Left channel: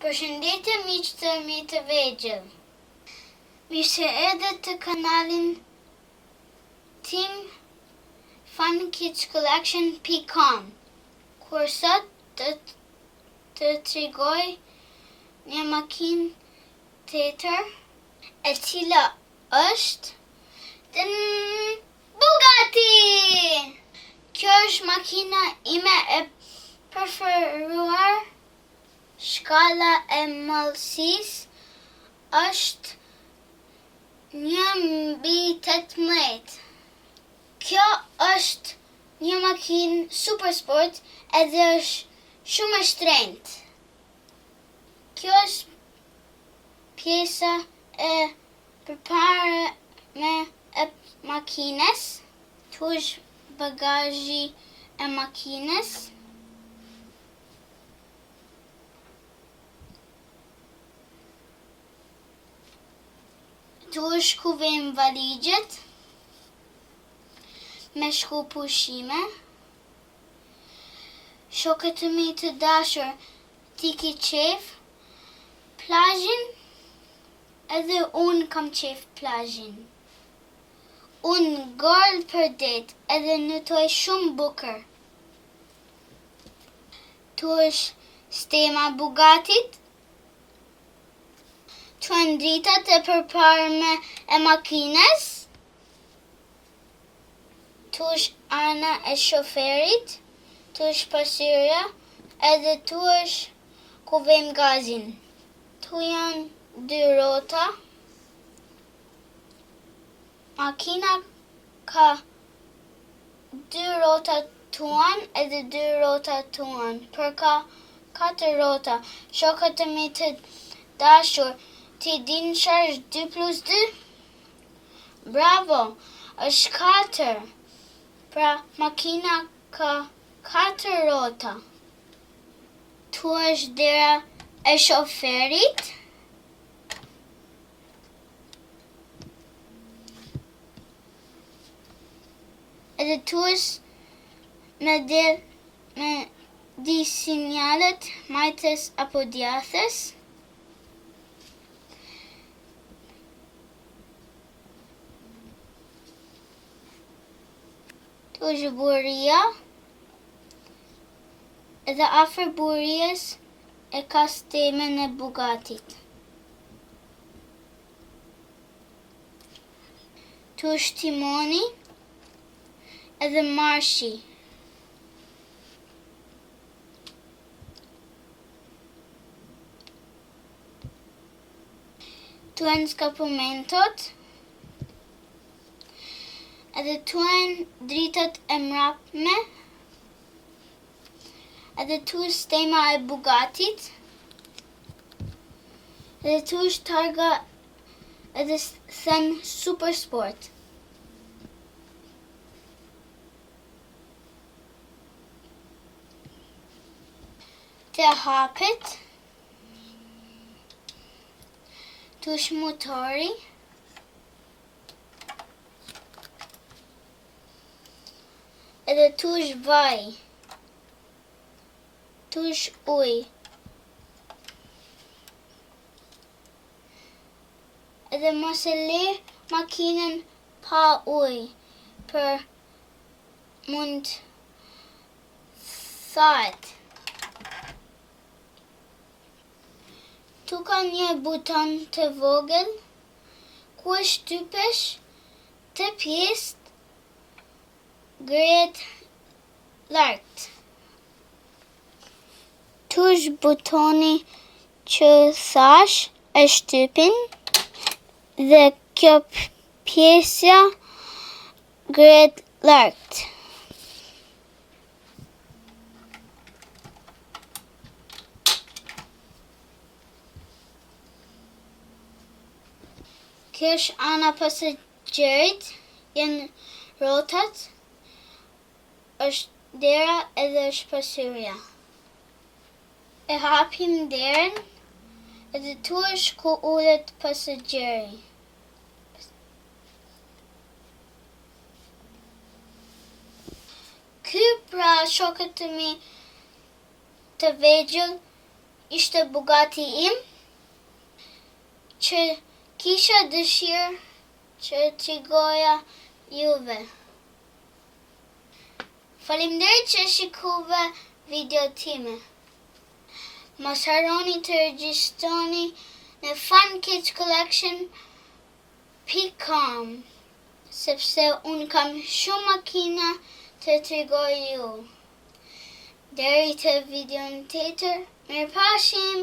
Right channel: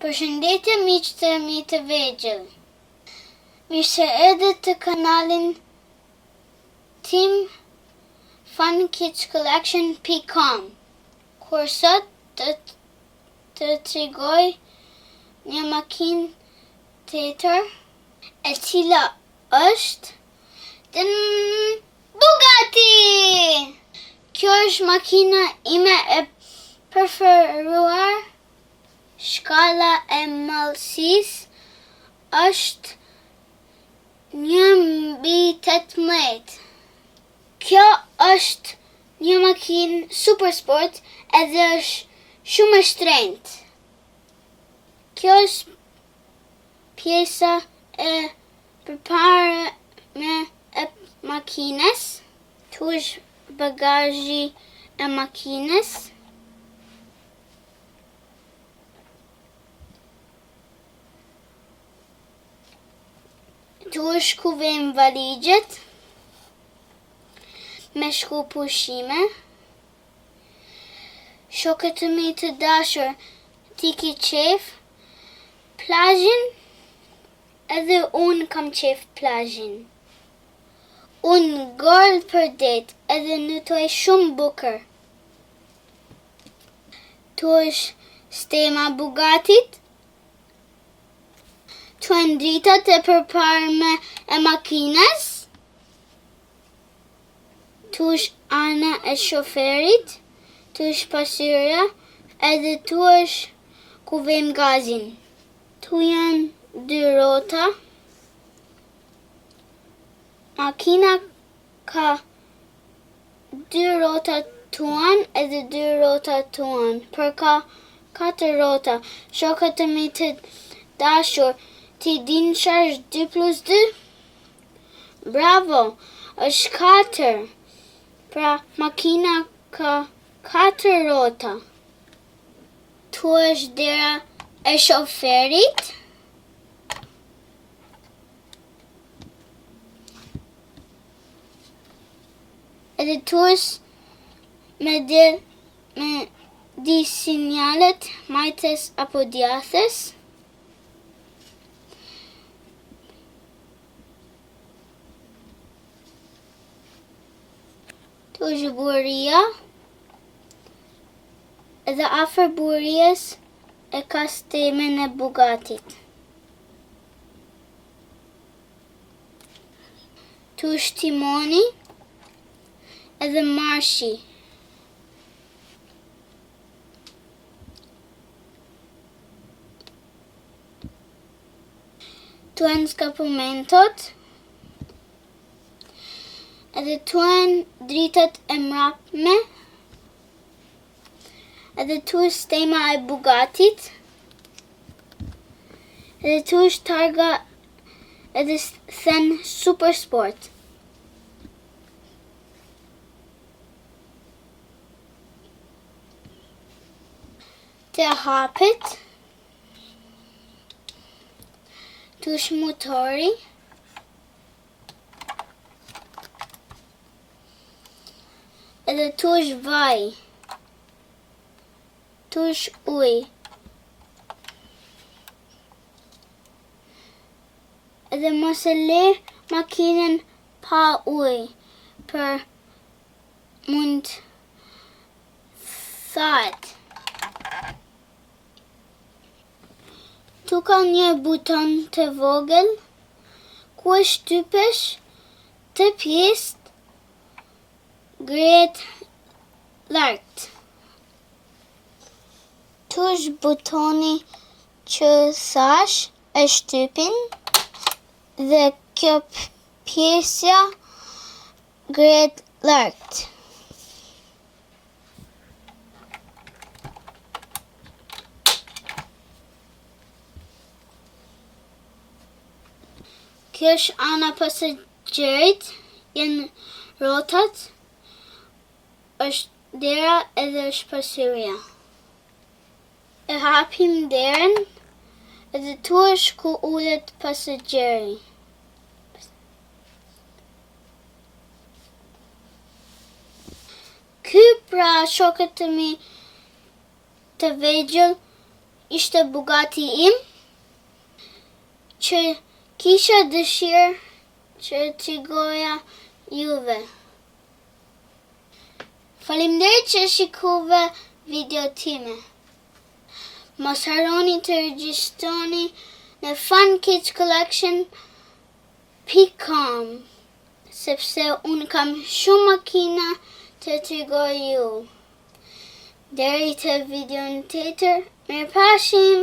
Përshëndetje miq të mi të vegjël. Mirë se erdhët të kanalin tim funkidscollection.com, kur sot të tregoj një makinë tjetër, e cila është Bugatti! Kjo është makina ime e preferuar. Shkalla e mallësisë është 1/18. Kjo është një makinë super sport edhe është shumë e shtrenjtë. Kjo është pjesa e përparme e makinës. Tu është bagazhi e makinës. Tu është ku vejmë valigjet me shku pushime. Shokët të mi të dashur, ti ki qef plazhin, edhe unë kam qef plazhin. Unë gërë për det edhe nëtoj shumë bukur. Tu është stema Bugattit. Tu janë dritat e përparme e makinës. Tu është ana e shoferit. Tu është pasyrja, edhe tu është ku vejmë gazin. Tu janë dy rrota. Makina ka dy rrota tuan edhe dy rrota tuan. Për ka 4 rrota. Shokët të mi të dashur, ti din çfarë është 2+2? Bravo, është 4. Pra makina ka 4 rrota. Tu është dera e shoferit. Edhe tu është me di sinjalet majtës apo djathës. Tu është buria. Edhe afër burijës e ka stemen e Bugattit. Tu është timoni edhe marshi. Tu janë skapumentot. Edhe tu janë dritat e mrapme. Edhe tu është stema e Bugattit. Edhe tu është targa edhe them super sport. Te hapet. Tu është motori. Edhe tu është vaj. Tu është ujë. Edhe mos e le makinën pa ujë, për mund thahet. Tu ka një buton të vogël, ku e shtypesh të pjesë gret lart. Tu është butoni që thash e shtypin, dhe kjo pjesja gret lart. Kjo është ana pasagjerit, janë rrotat, është dera edhe është pasyrja. E hapim derën, edhe tu është ku ullet pasagjeri. Ky pra shokët të mi të vegjël ishte Bugatti im, që kisha dëshirë që t'i goja juve. Faleminderit që shikuve video time. Mos harroni të regjistroni në funkidscollection.com sepse unë kam shumë makina të tregoj ju. Deri të videon tjetër, mirëpafshim!